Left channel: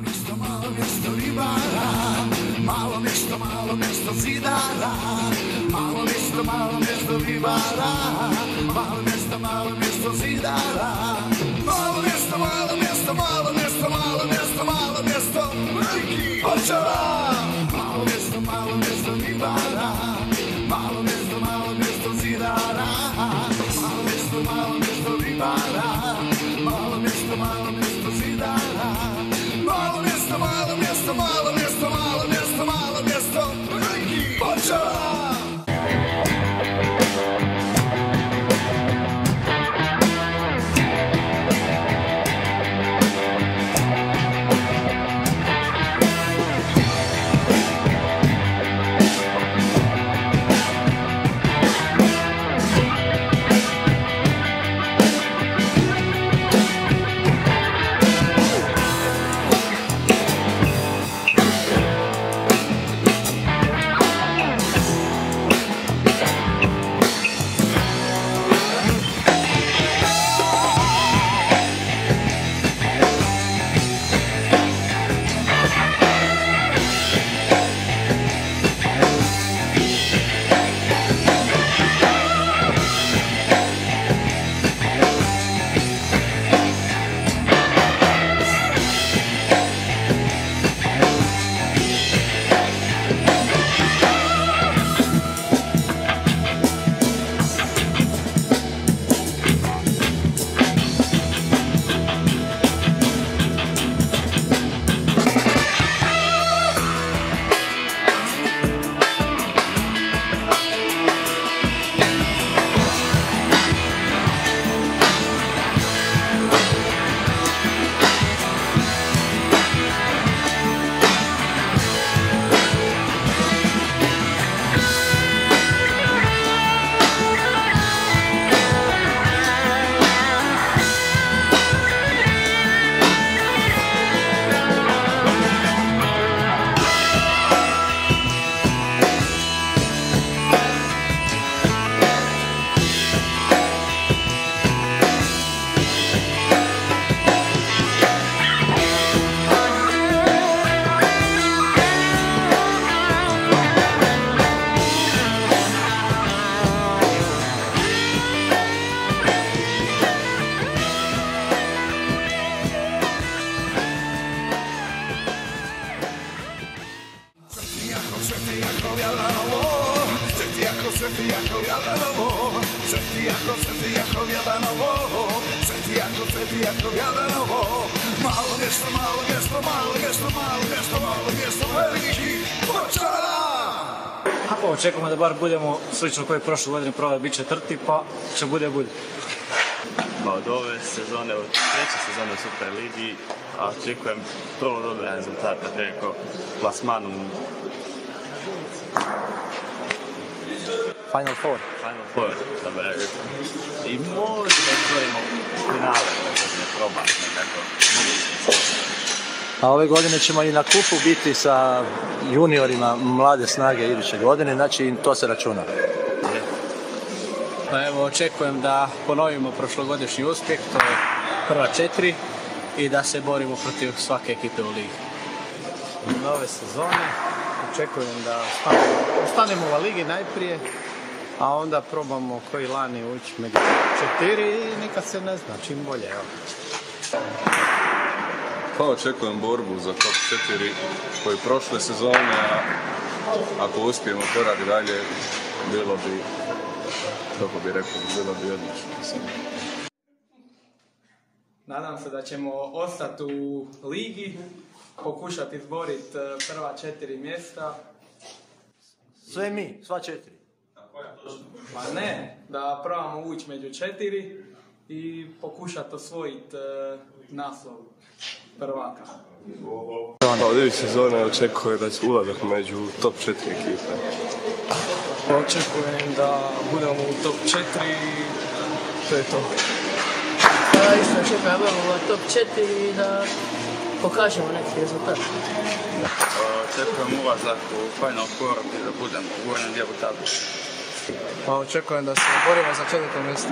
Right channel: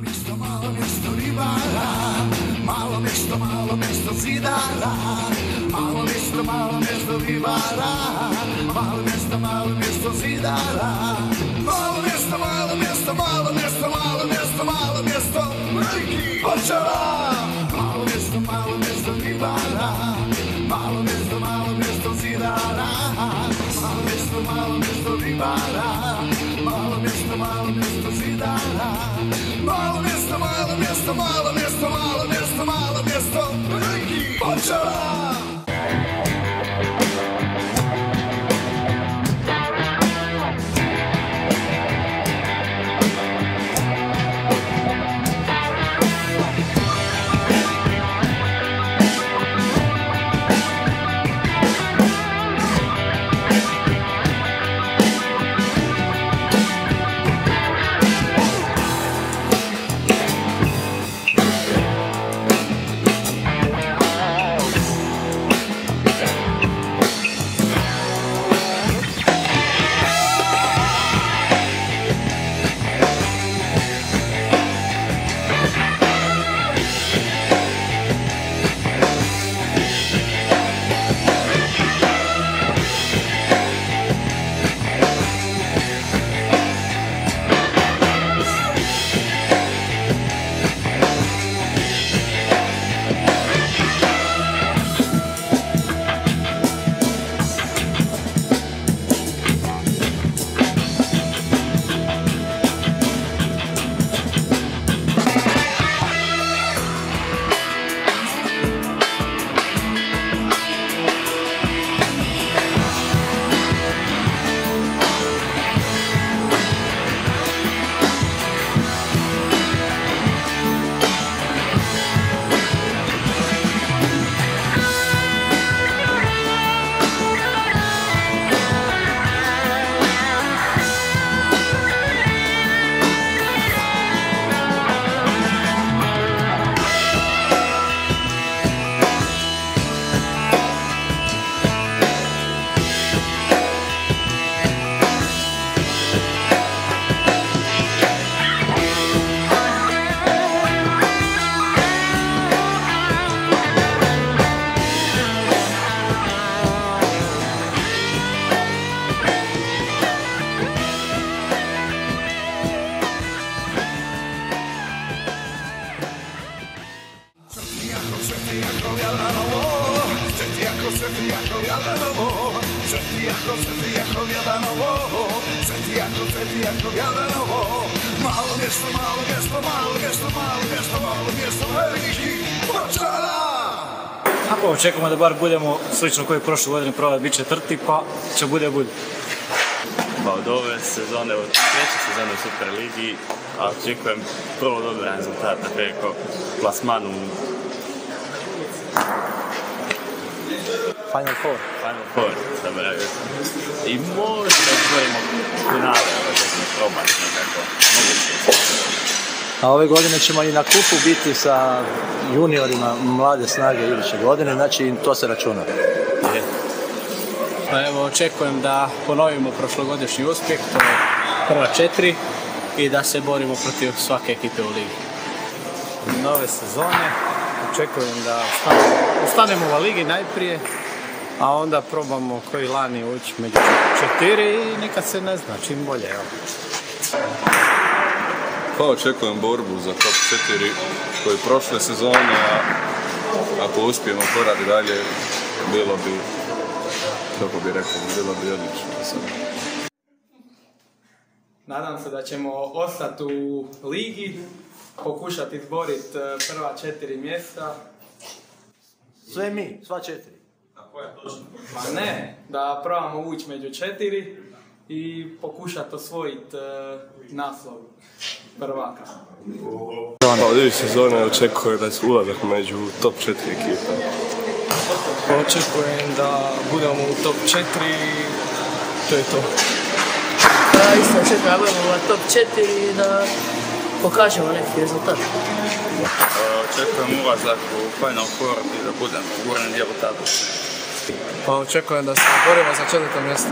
mjesto ribara, malo mjesto zidara, malo mjesto ribara, malo mjesto zidara, malo mjesto Očara, malo mjesto ribara, malo mjesto zidara, malo mjesto ribara, malo mjesto zidara, malo mjesto Očara. Malo mjesto veliki Očara. Ako očekujemo da bar budemo slično koji je prošle godine prava bit četvrti, pa će bude. Pa od ove sezone, od treće sezone u Superligi, a očekujem prvo dobre rezultate preko plasmanu Final Four, da bi rekao. I možda izborimo finale, probati nekako. A ove godine ćemo i na kupu biti sa juniorima Mlade snage iduće godine, znači to se računa. Evo, očekujem da ponovimo prošlogodišnji uspjeh, to je prva 4 i da se borimo protiv svake ekipe u ligi. Nove sezone, očekujem da ostanemo u ligi najprije, a onda probamo koji lani ući među 4 i nikad se ne zna, čim bolje. Pa očekujem borbu za top 4 koje prošle sezone, a ako uspijemo korati dalje, bilo bi odlično. Nadam se da ćemo ostati u ligi, pokušati izboriti prva 4 mjesta. Sve mi, sva 4. Pa ne, da probamo ući među 4 i pokušati osvojiti naslov prvaka. Od ove sezone očekujem da se ulazak među top 4 ekipa. Očekujem da budemo u top 4, to je to. Isto očekujem da budemo u top 4 i da pokažemo neki rezultat. Očekujem ulazak u Final Four i da budem u gornjem dijelu tablice. Pa očekujem da se borimo za 4. mjesto.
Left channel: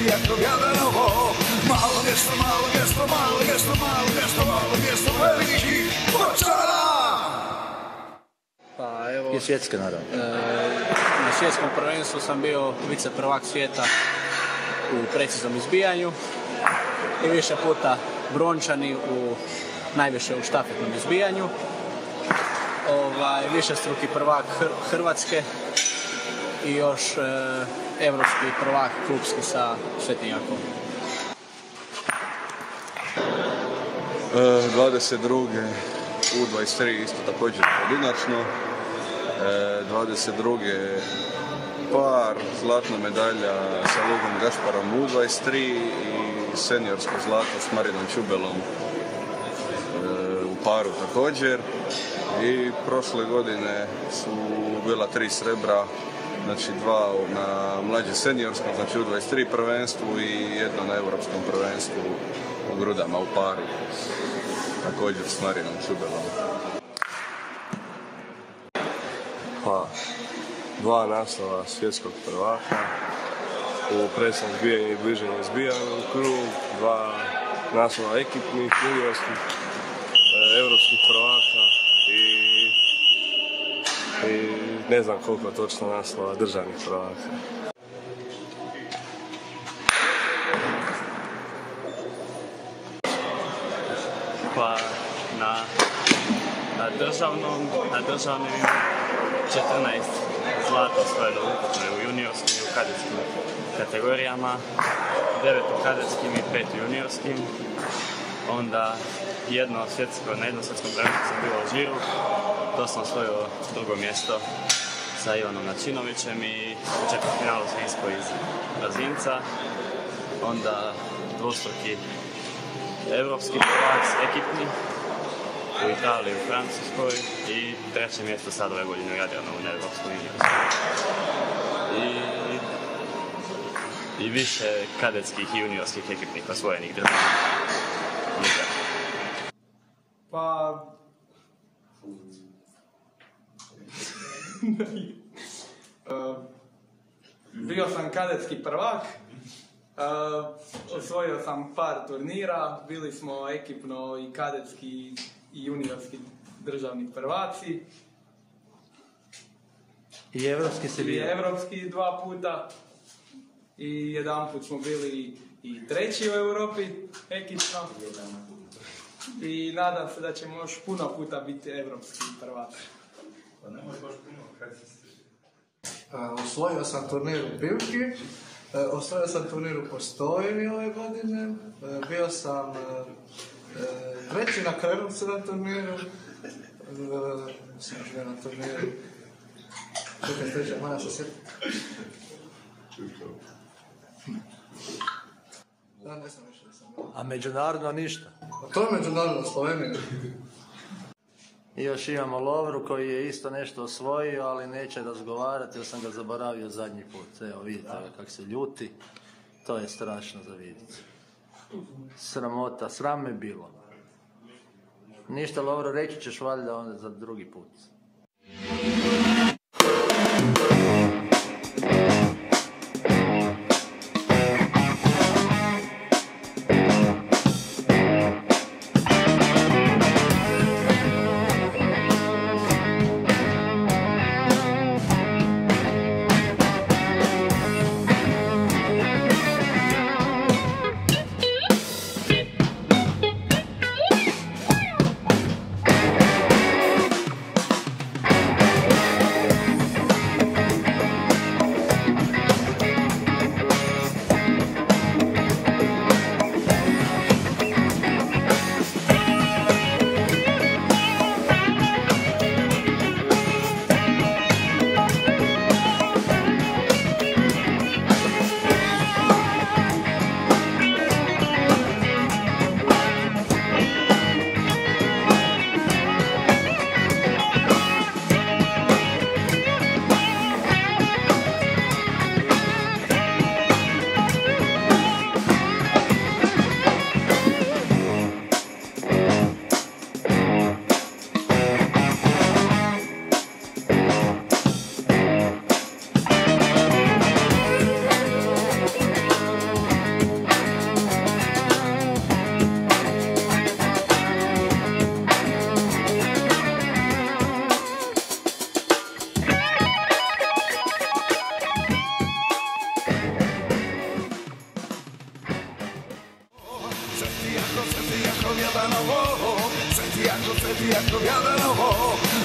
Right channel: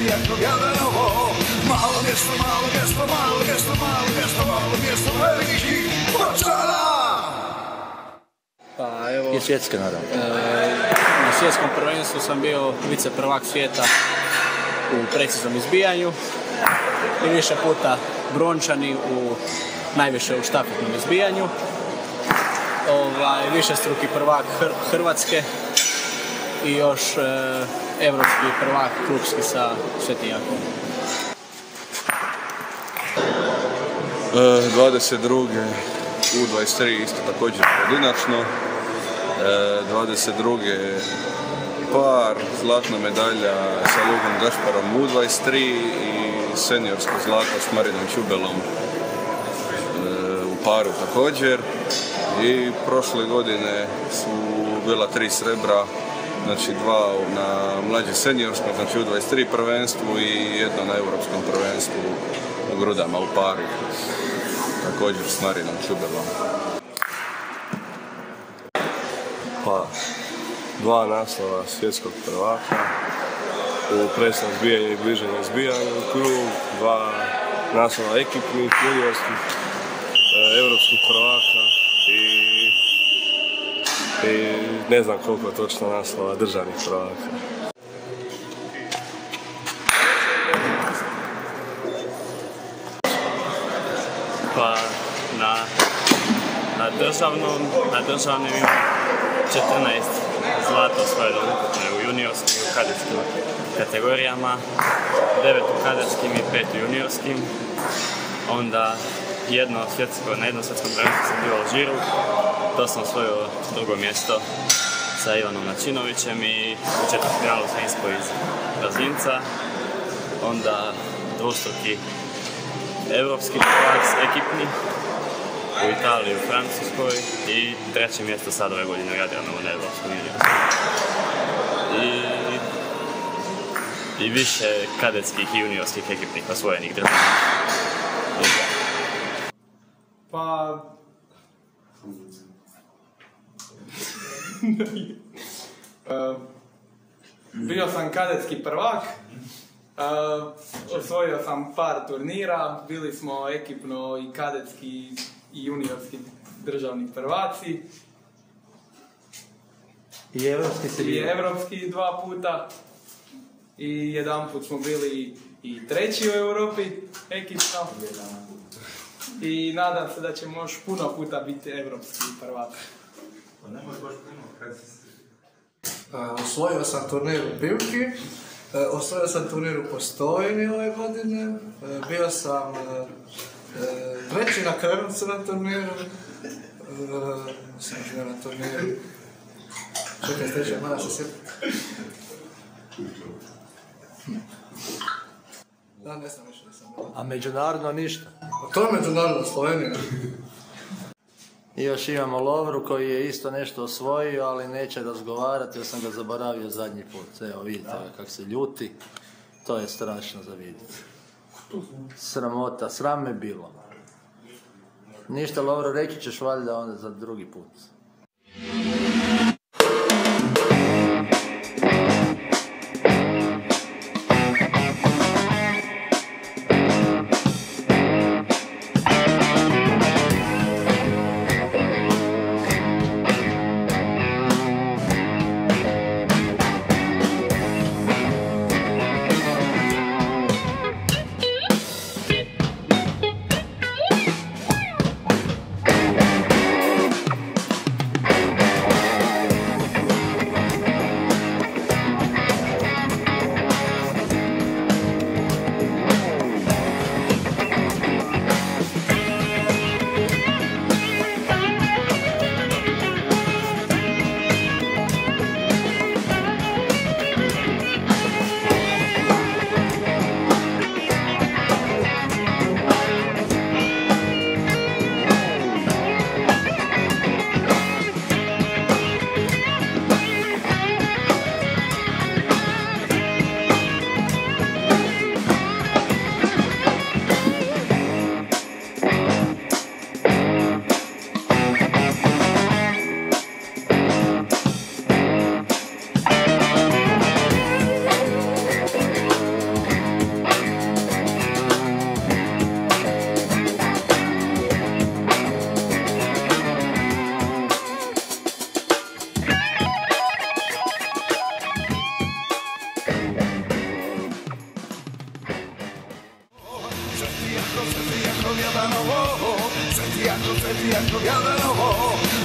svijesti jako Jadranovo. Malo mjesto, malo mjesto, malo mjesto, malo mjesto, malo mjesto velikih Pločara. Pa evo, I svjetske naravno. na svjetskom prvenstvu sam bio viceprvak svijeta u preciznom izbijanju i više puta brončani najviše u štafetnom izbijanju. Višestruki prvak Hrvatske i još evropski prvak klubski sa Svetijakom. 22. U23 isto također pojedinačno. 22. par zlatna medalja sa Lugom Gašparom U23 i seniorsko zlato s Marinom Čubelom u paru također. I prošle godine su bila 3 srebra, znači 2 na mlađi seniorskom, znači u 23 prvenstvu i jedno na europskom prvenstvu u grudama u paru, također s Marinom Čubelom. Pa, 2 naslova svjetskog prvaka u presnom zbijanju i bliženju zbijanju krug, 2 naslova ekipnih, juniorskih, europskih prvaka i ne znam koliko točno naslova državnih prvaka. Pa na državnim ima 14 zlata osvojeno ukupno u juniorskim i u kadetskim kategorijama, 9 u kadetskim i 5 u juniorskim. Onda na jednom svjetskom prvenstvu sam bio u Alžiru, to sam osvojio drugo mjesto sa Ivanom Načinovićem i u četvrtfinalu sam ispao iz Brazinca. Onda dvostruki evropski prvak ekipni u Italiji i u Francuskoj i treće mjesto sad ove godine Radijanovo na evropskom i više kadetskih i juniorskih ekipnih osvojenih država. Pa... bio sam kadetski prvak, osvojio sam par turnira, bili smo ekipno i kadetski i juniorski državni prvaci. I evropski si I bio? evropski 2 puta. I jedanput smo bili i treći u Europi ekipno. I nadam se da ćemo još puno puta biti evropski prvak. Osvojio sam turnir u Pivki, osvojio sam turnir u Postojni ove godine, bio sam treći na Krvcu na turniru, sam živio na turniru, čekaj treći, moja se sjetiti. Da, ne znam više da sam. A međunarodno ništa? To je međunarodno Slovenija. I još imamo Lovru koji je isto nešto osvojio, ali neće razgovarati, ja sam ga zaboravio zadnji put. Evo vidite kako se ljuti, to je strašno za vidjeti. Sramota, sram me bilo. Ništa Lovro, reći ćeš valjda onda za drugi put. jako, Sveti Jakov, Jadranovo.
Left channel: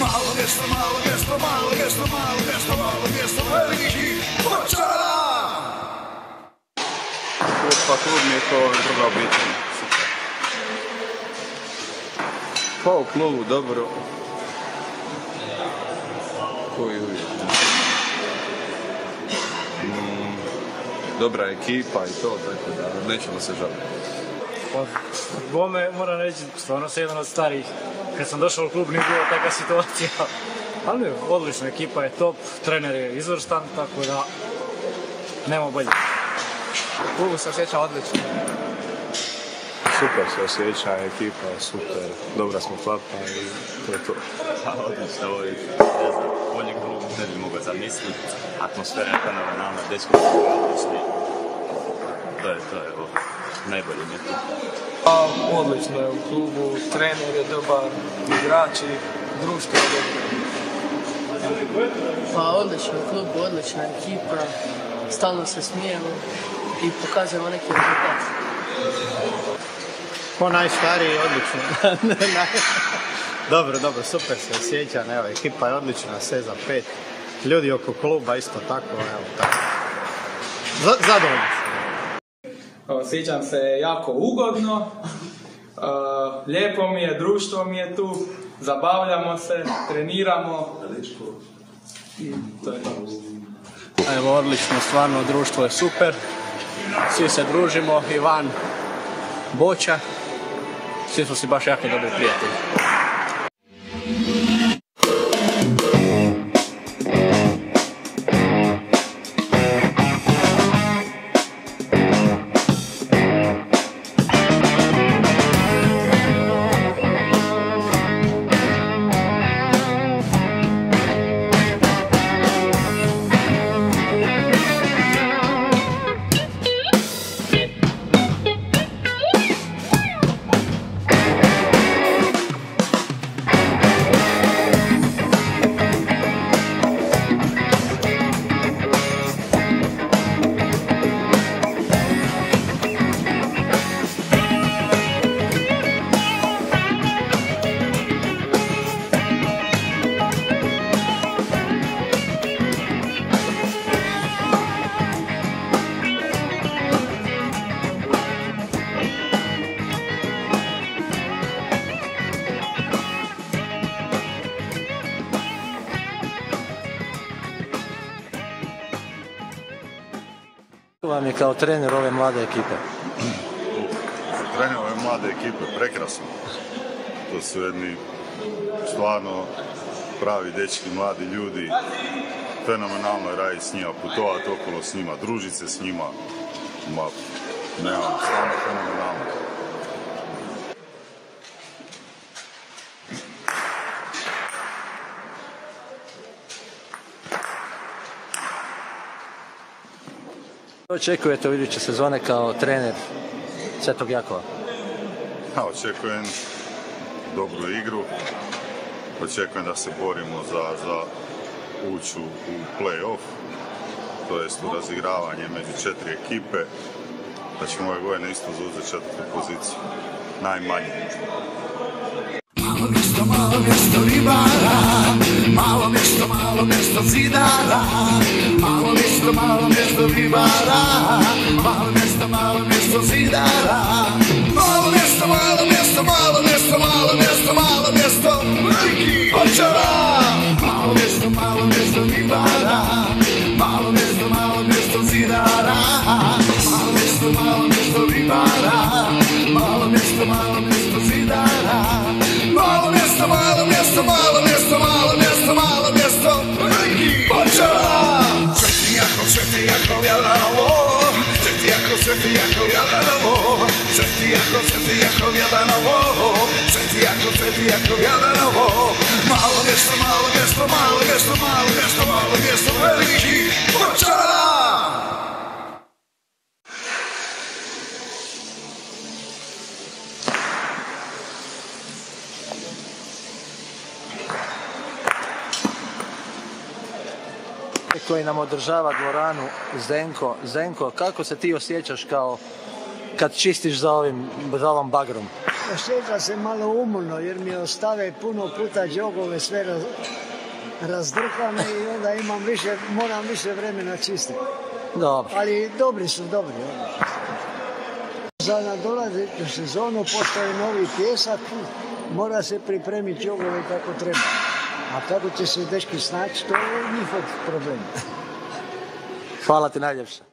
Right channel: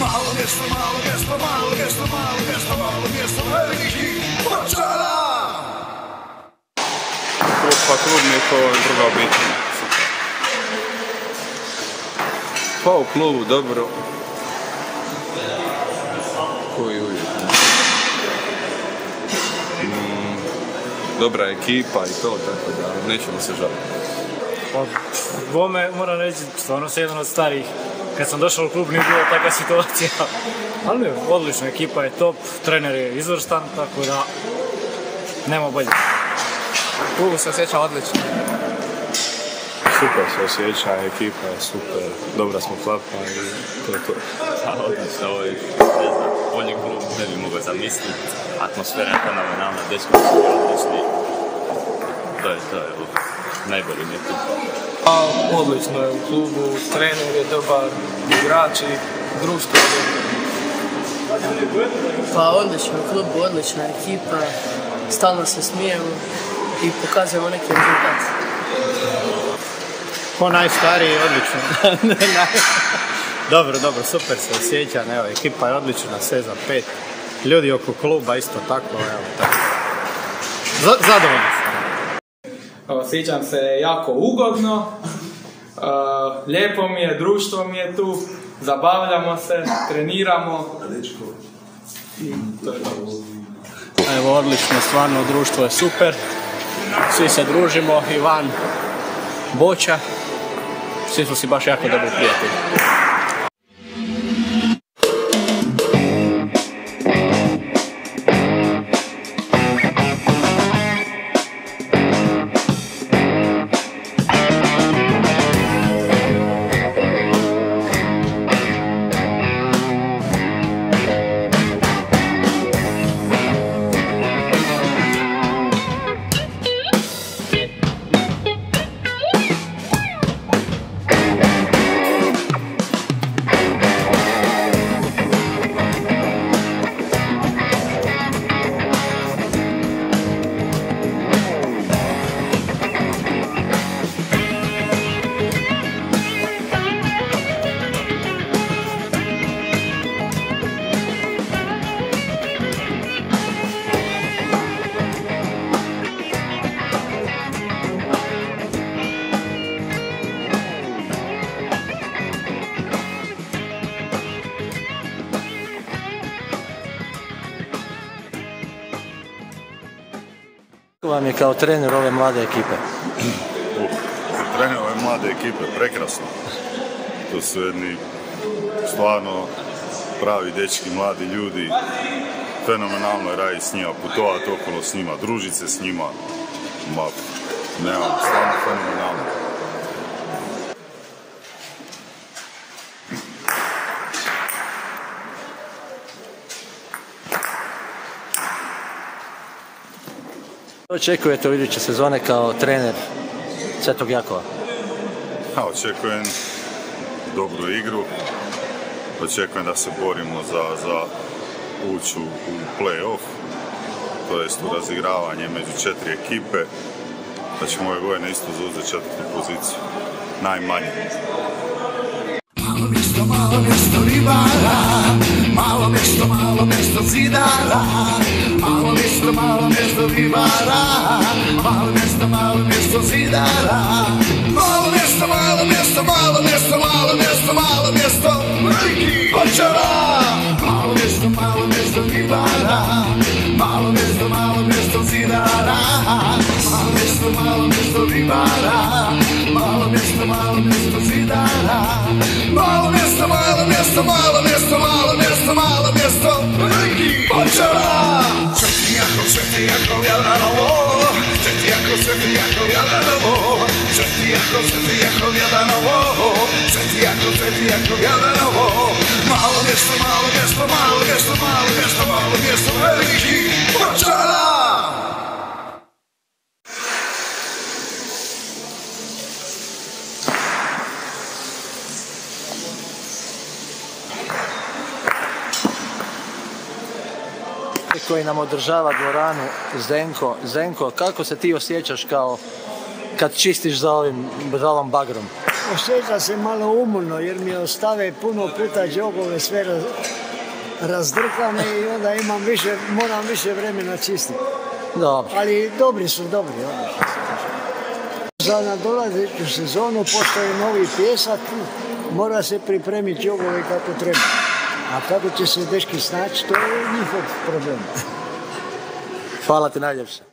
Malo mjesto, malo mjesto, malo mjesto, malo mjesto, malo mjesto, veliki Ovčara. Pa klub mi je kao druga obitelj. Pa u klubu dobro. Dobra ekipa i to, tako da nećemo se žaliti. Bome, moram reći, stvarno sam jedan od starih. Kad sam došao u klub nije bila takva situacija. Ali ne, odlična, ekipa je top, trener je izvrstan, tako da nema bolje. U klubu se osjeća odlično. Super se osjeća, ekipa je super, dobra smo klapa i to je to. Odlično, ovo je bolji klub, ne bi mogao zamisliti. Atmosfera je fenomenalna, dečki su odlični. To je najbolji mi je tu. Odlično je u klubu, trener je dobar, igrači, društvo. Pa odlično u klubu, odlična ekipa, stalno se smijemo i pokazujemo neki rezultat. Ko najstariji je odlično. Dobro, super se osjeća, evo, ekipa je odlična, sve za 5. Ljudi oko kluba isto tako, evo. Zadovoljno sam. Osjećam se jako ugodno, lijepo mi je, društvo mi je tu, zabavljamo se, treniramo. I to je dobro. Evo, odlično, stvarno, društvo je super. Svi se družimo, Ivan, Boća, svi smo si baš jako dobri prijatelji. Vam je kao trener ove mlade ekipe? Trener ove mlade ekipe, prekrasno. To su jedni stvarno pravi dečki, mladi ljudi. Fenomenalno je raditi s njima, putovati okolo s njima, družiti se s njima. Stvarno fenomenalno. Očekujete u iduće sezone kao trener Svetog Jakova? Očekujem dobru igru. Očekujem da se borimo za ući u play-off, to jest u razigravanje među 4 ekipe. Da ćemo ove godine isto zauzeti 4. poziciju. Najmanje. Malo mjesto ribara, malo mjesto zidara, malo mjesto ribara, malo mjesto zidara, malo mjesto veliki Ovčara, malo mjesto ribara, malo mjesto zidara, malo mjesto ribara, malo mjesto zidara, malo mjesto veliki Ovčara. Sveti Jakov, Jadranovo, Sveti Jakov, Jadranovo, Sveti Jakov, Jadranovo, Sveti Jakov, Jadranovo, malo mjesto veliki Ovčara. Koji nam održava dvoranu, Zdenko, kako se ti osjećaš kao kad čistiš za ovom bagrom? osjeća se malo umorno jer mi ostave puno puta džogove sve razdrkane i onda moram više vremena čistiti. Dobro. Ali dobri su, dobri. Za nadolazeću sezonu postoji novi pjesak, mora se pripremiti džogove kako treba. A kako će se dečki snaći, to je njihov problem. Hvala ti najljepše.